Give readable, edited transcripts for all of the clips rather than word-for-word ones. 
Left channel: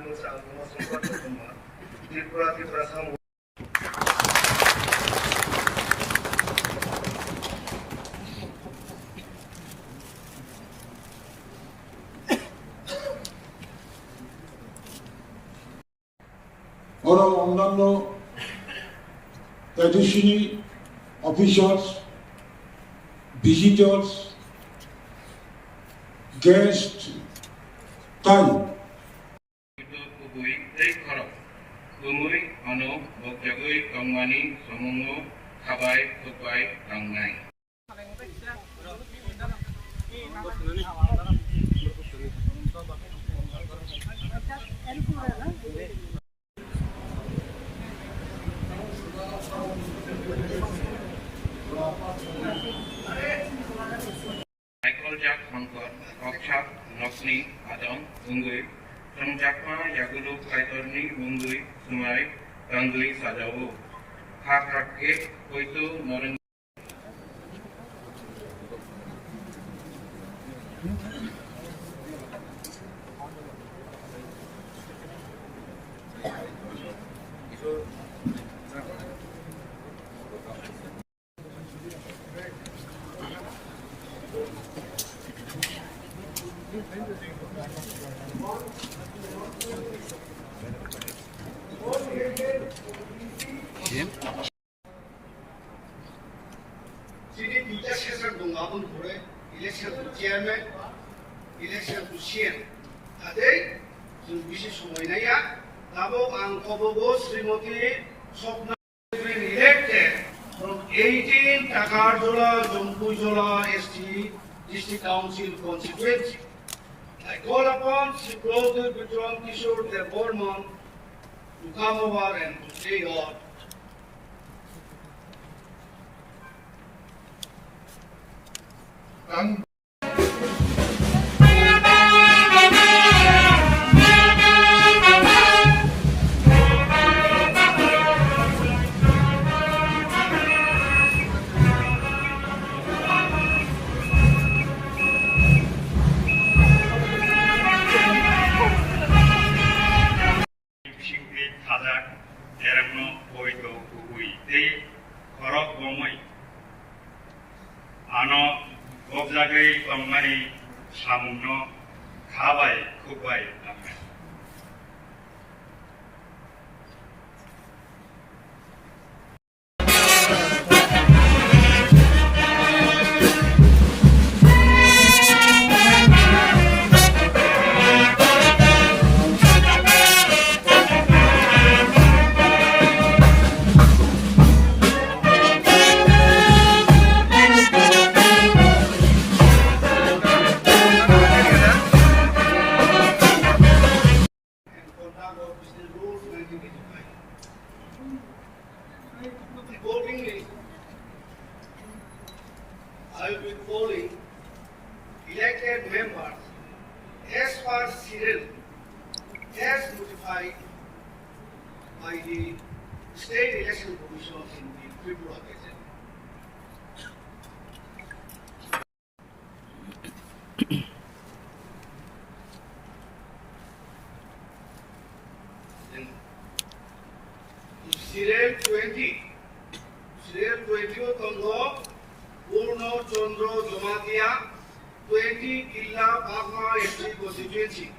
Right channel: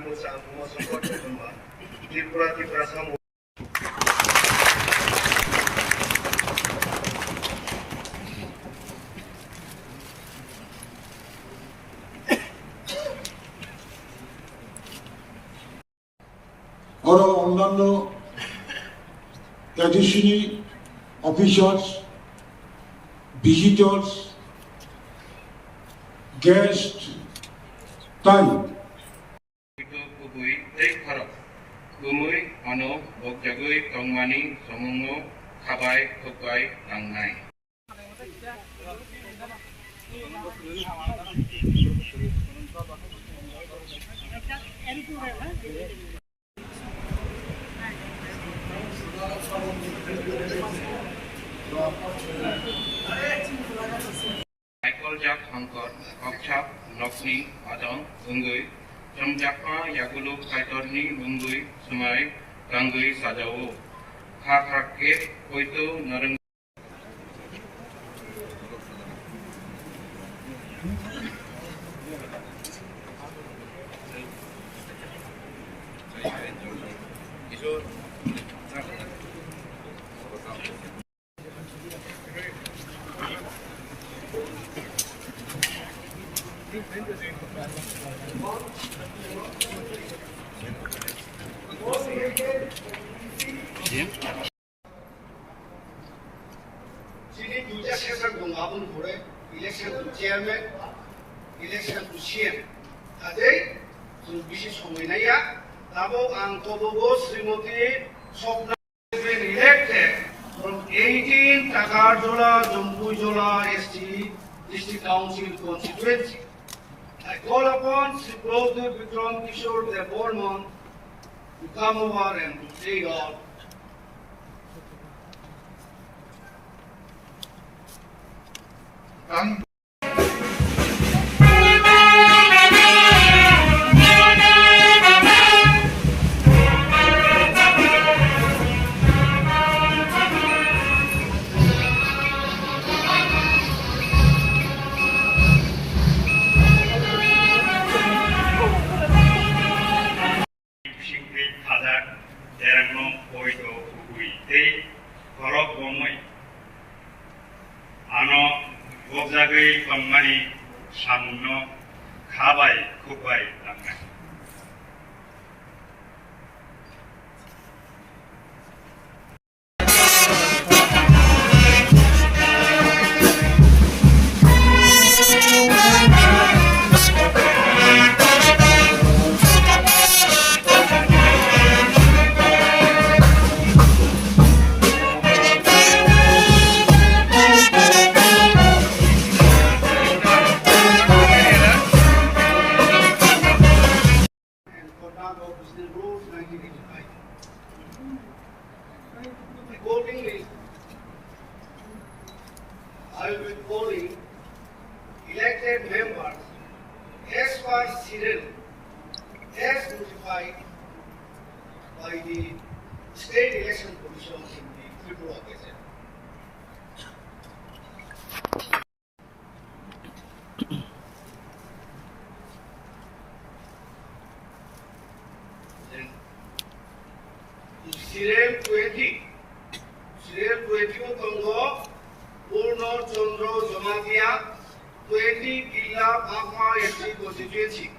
mocha support tumba Tripura sam আরো অন্যান্য additional officials, visitors, guests, তাই Khumulwng ano Kokchap Thangmani Swmwi Khumulwng Kokplai Thangmani Kokchap Hangkot Kokchap Nokni Adong Ungui Chongmari Yagulu Kaitorni Ungui Swmwi Gangui Sajao Khakrakit Koito Narang Sini duja session gungabun hore election to chairman, election to CM. Today, जों बिसि समायनाया दाबो आं कबोगो Shrimati Swmwi been elected from 18 Takarjola, Jompujola ST District Council constituency. I call upon Sri Prodhir Vikram Kishore the Borman to come over and to take on. ano Kokchap Thangmani samno khabai Kokplai Thangmani Accordingly, I will be calling elected members as per schedule as notified by the State Election Commission in the Tripura Gazette. Then, Serial 20 Tongo Purno Chandro Jomatia 20 Killa Bhagma SC constituency.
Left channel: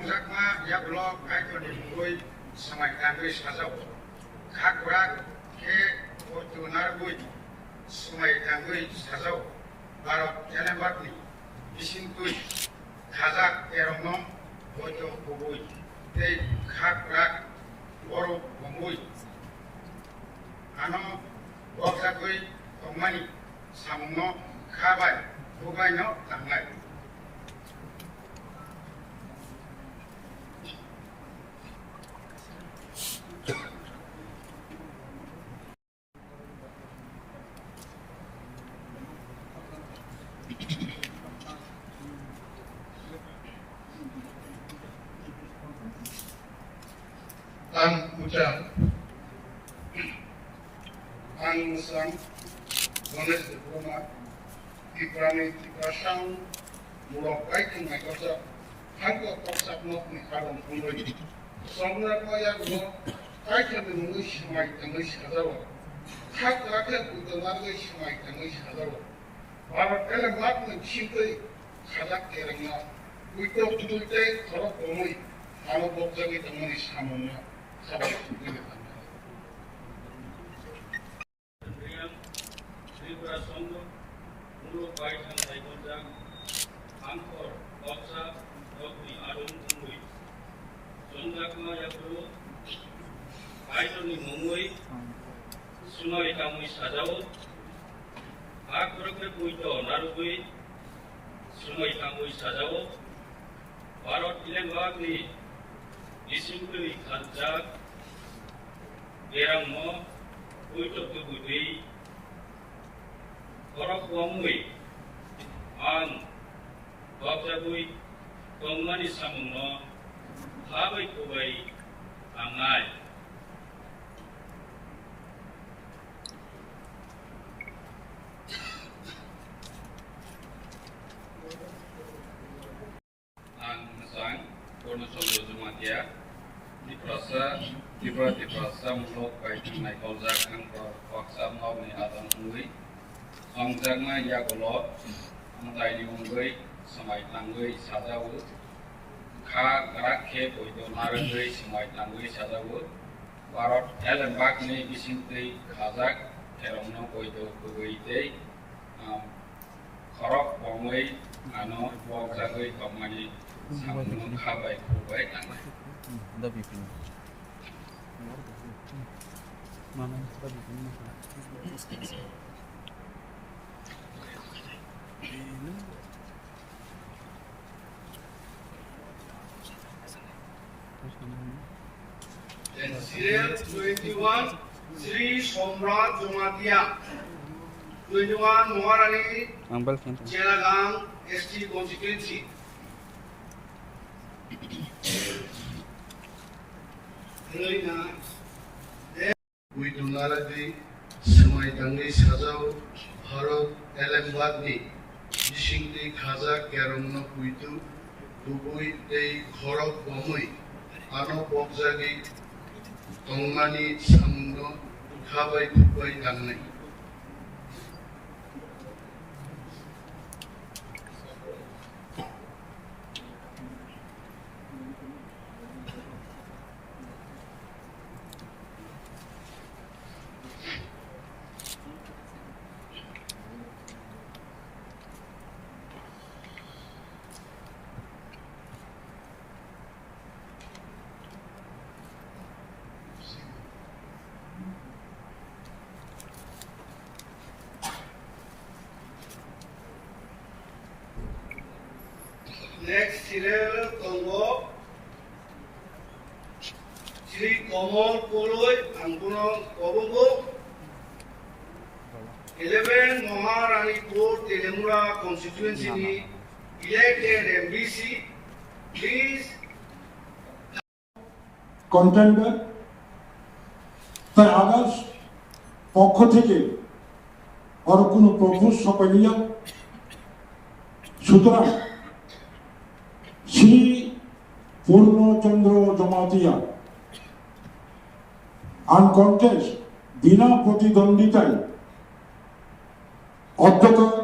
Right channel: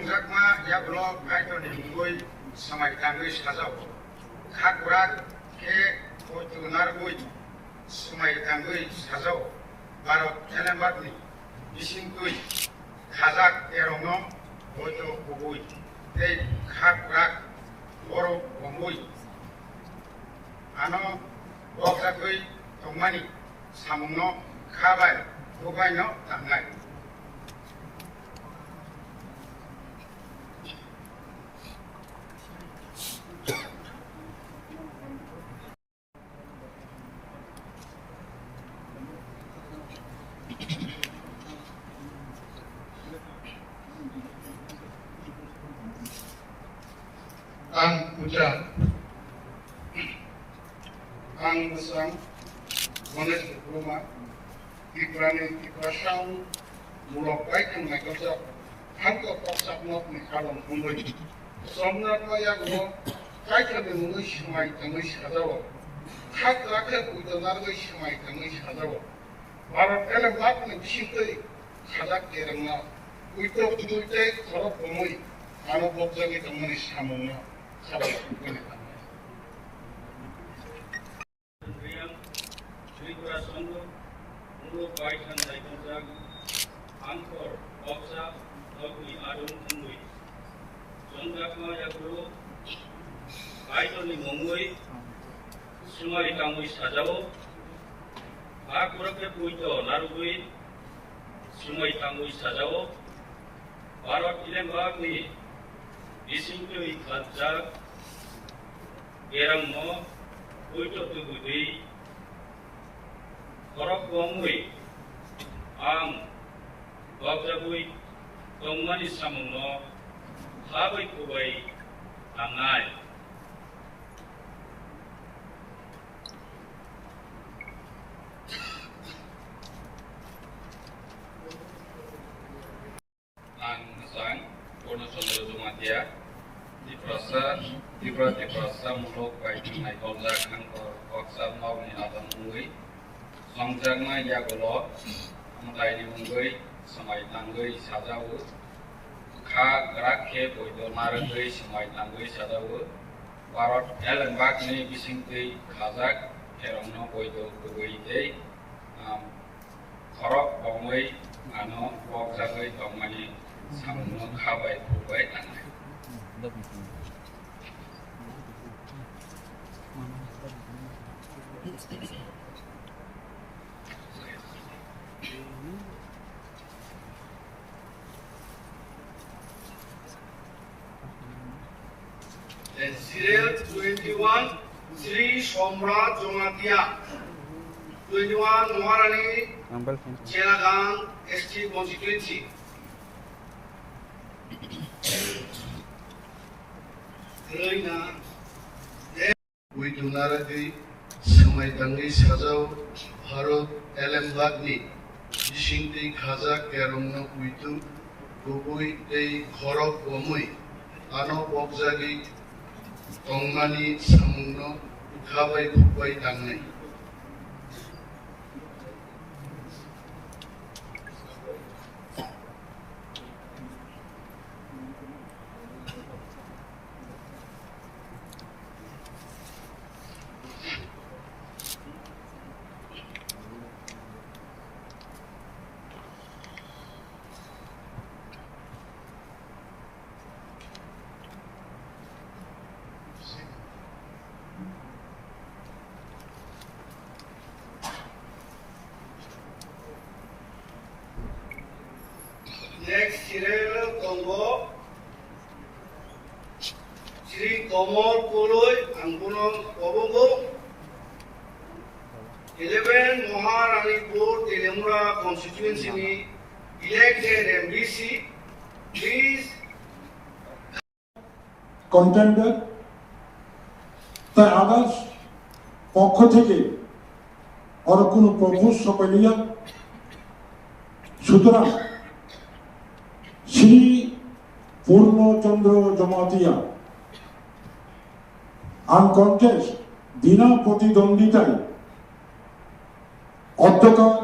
Chongmari yakulok kaitoni mungoi samai tangui sajau. Khakrak ke otu nargui samai tangui sajau. Barok Elembakni bisingtui khajak erongno otu kubui. Tei khakrak oro bongui. Ano Kokchapui Thangmani samungno khabai bukaino tangnai. Ang ucap, ang mesang, mones diploma, diprani diprasang, mulok baik yang mereka jawab, hangga Kokchap nok ni kalam pembeli. Swmwi yang mo, kaitkan dengan semai tangis kazawa, hak rakyat untuk nargai semai tangis kazawa. Barat elem lak ni bisingtui khajak kerengna, untuk tujuite korok omoi, ano bokjagi Thangmani samungna. Sabar, ini kan. Khumulwng baikan daikojak angkor Kokchap nokni adung mungui Chongmari yakulo kaitoni mungui Swmwi tangui sajao akurake puito narugui Swmwi tangui sajao Barot Elembakni bisingtui khajak erangno puito tubudi korok wongui ang Kokchapui Thangmani samungno khabai kubai angai. Ang mesang kono sondro jumatia diprasa mulok baikan naikojak angkor Kokchap nokni adang mungui Chongmari yakulok amtai mungui samai tangui sajau khakrak ke poito nargai samai tangui sajau Barot Elembakni bisingtui khajak erongno poito kubui tei korok bongui ano bokjagui Thangmani samungno khabai kubai tangnai. And serial 21, Sri Somrat Jomatia, 21 Moharani, Jelagang, ST constituency. With Naradi, Samai Tangi Sajau, Harot Elembakni, Bisingti Khajak Kerongno Kuitu, Kubui Tei Korok Omoi, Ano Bokjagi Thangmani samungno khabai kubai tangnai. Next serial Nogo, Sri Khumulwng Angpuno Kobogo, 11 Moharanipur Telemura constituency ni elected MDC. Please. Contender, তাই others পক্ষ থেকে আর কোনো প্রভুর সপাইলিয়া সুতরাং শ্রী পূর্ণচন্দ্র জমাতিয়া আনকন্টেস্ট বিনা প্রতিদ্বন্দ্বিতায় অধ্যকার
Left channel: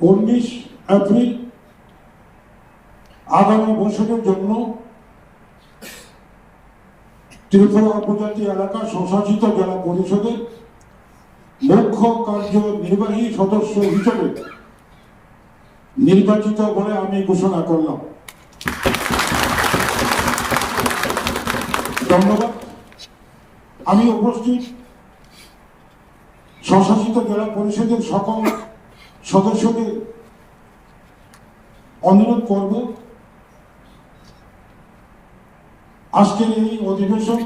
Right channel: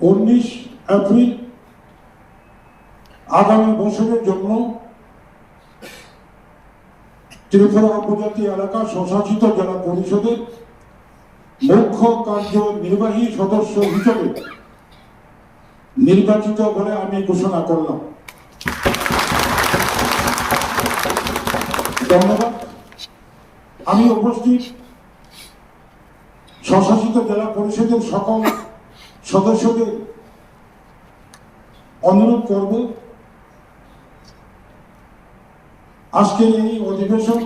19 April আগামী বছরের জন্য ত্রিপুরা উপজাতি এলাকা স্বশাসিত জেলা পরিষদের মুখ্য কার্যনির্বাহী সদস্য হিসেবে নির্বাচিত বলে আমি ঘোষণা করলাম। ধন্যবাদ। আমি উপস্থিত স্বশাসিত জেলা পরিষদের সকল সদস্যদের অনুরোধ করব, আজকের এই অধিবেশন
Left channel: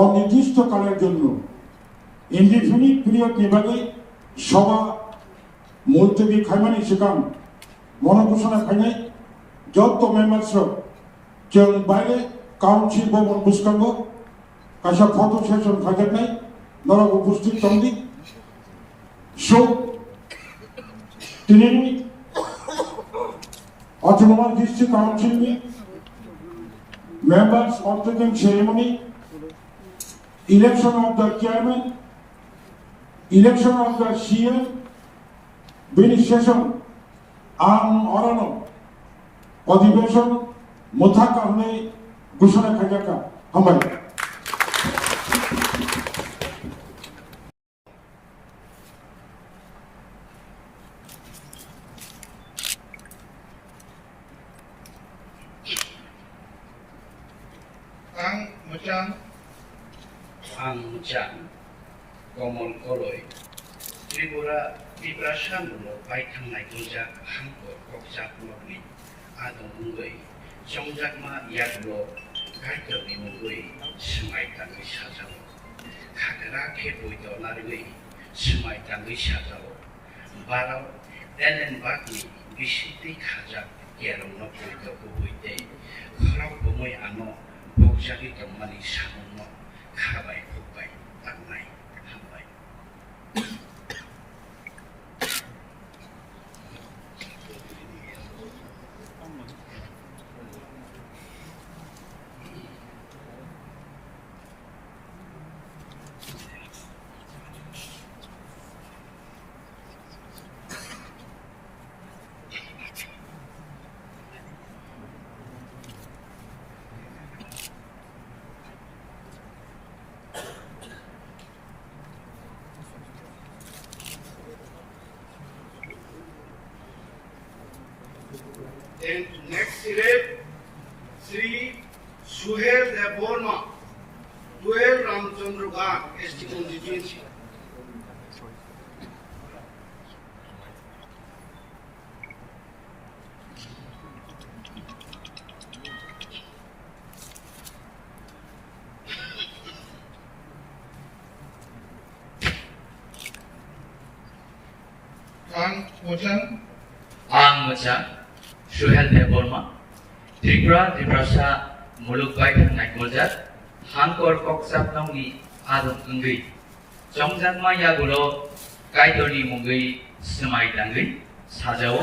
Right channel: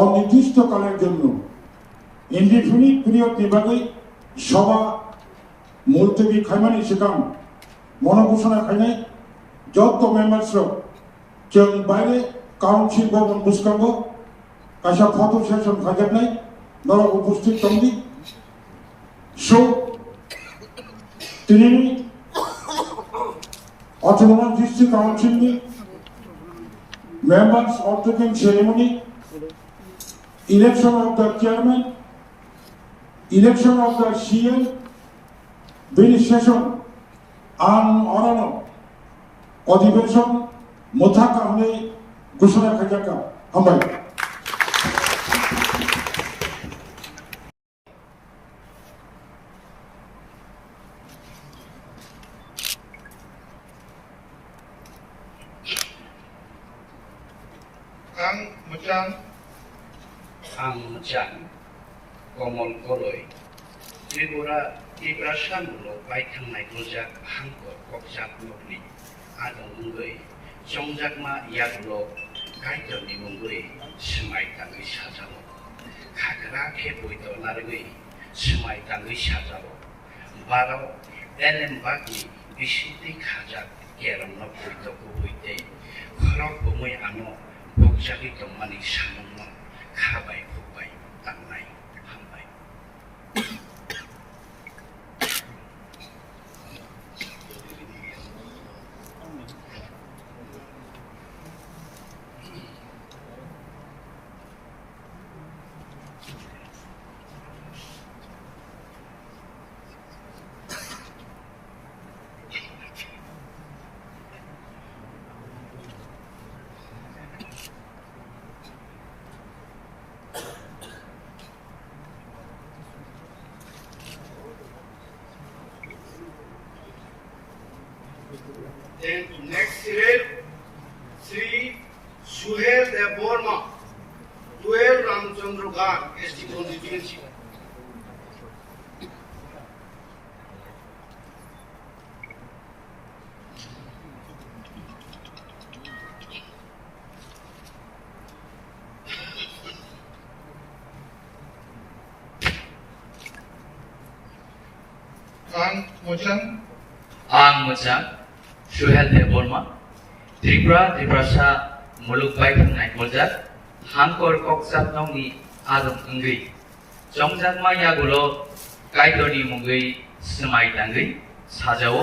অনির্দিষ্টকালের জন্য ইনডিফিনিট পিরিয়ড নির্বাচনে সভা মুলতবি খাইমানি সিকাম মনোঘোষণা খাইনাই যত মেম্বার্সরা जों বাইরে কাউন্সিল ভবন বুসকাঙ্গ কাইসা ফটো সেশন খাইগাरनाय नरा उपस्थित दंदि सो दिनैनि Autonomous District Council members of the ceremony, election of the chairman, election of the CM, beneficiation and orano, अधिवेशन मुथाका हमने घोषणा खजाका हमारे आं मोजां कमल गलय त्रिपुरा सामुल' बायखांनाय गोजा हांखर ककचाप नगनि आदं मुंगै चंजाकमा यागुल' गायदरनि मुंगै स्माय तांगै साजाल' खाग्रा खेबैद' नारगै स्माय तांगै साजाल' बाराव एलेमबागनि बिसिति खाजाक गेरमना बैद' गुबैदै खराव बमै आनो बगजागै दंमानि सामुंनो खाबाय खुबाय तांनाय हामबाय Then next Cyril, Sri Suhail Deborma, 12 Ramchandra Ghat, ST constituency. आं मोजां सुहेल देबर्मा त्रिपुरा मुलुग बायखांनाय गोजा हांखर ककचाप नगनि आदं अंगै चंजाकमा यागुल' गायदरनि मुंगै स्माय तांगै साजाओ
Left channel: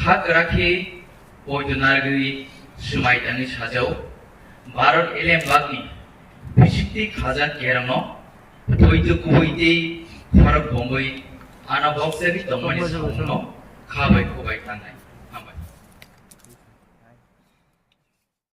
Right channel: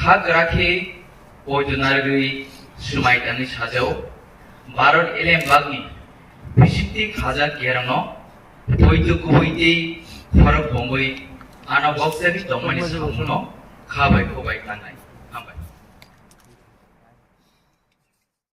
खाग्राखे बयदनारगै स्माय तांगै साजाओ भारत एलेमबागनि बिसिति खाजा गेरमनो बैद' गुबैदै खरक बमै आनो बगजागै दंमानि सामुंनो खाबाय खुबाय तांनाय